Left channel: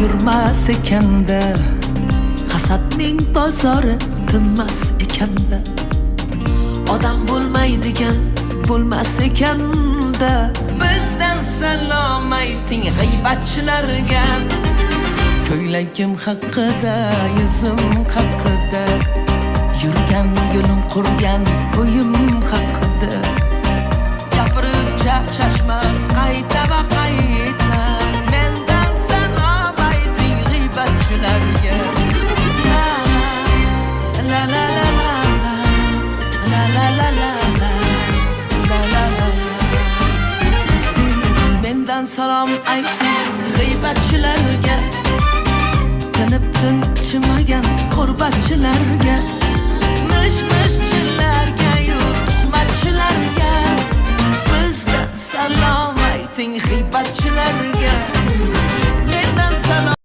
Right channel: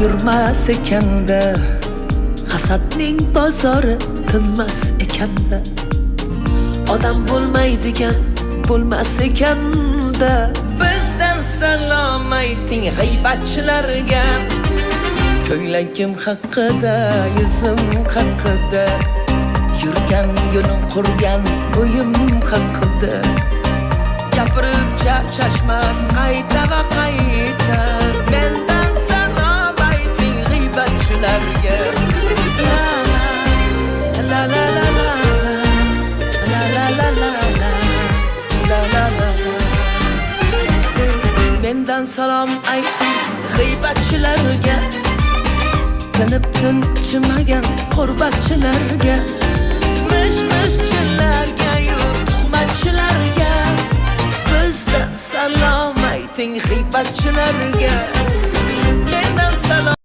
yurmas ekanda, hasadning bozori tinmas ekanda, odam bo'lmaydigan bo'lmas ekanda. Bizdan salom ayting g'iybatchilarga, ko'ylagim haqida, yuzim haqida, yurgan yo'lim qurgan uyim haqida. Gapirib charchashmas qayta va qayta, mendan salom ayting g'iybatchilarga. La la la la la la la la la la la la la la la. Mendan salom ayting g'iybatchilarga, tinib tinchimagan qurbatchilarga, mish-mishchilarga, tuhmatchilarga. Bizdan salom ayting g'iybatchilarga, mendan salom.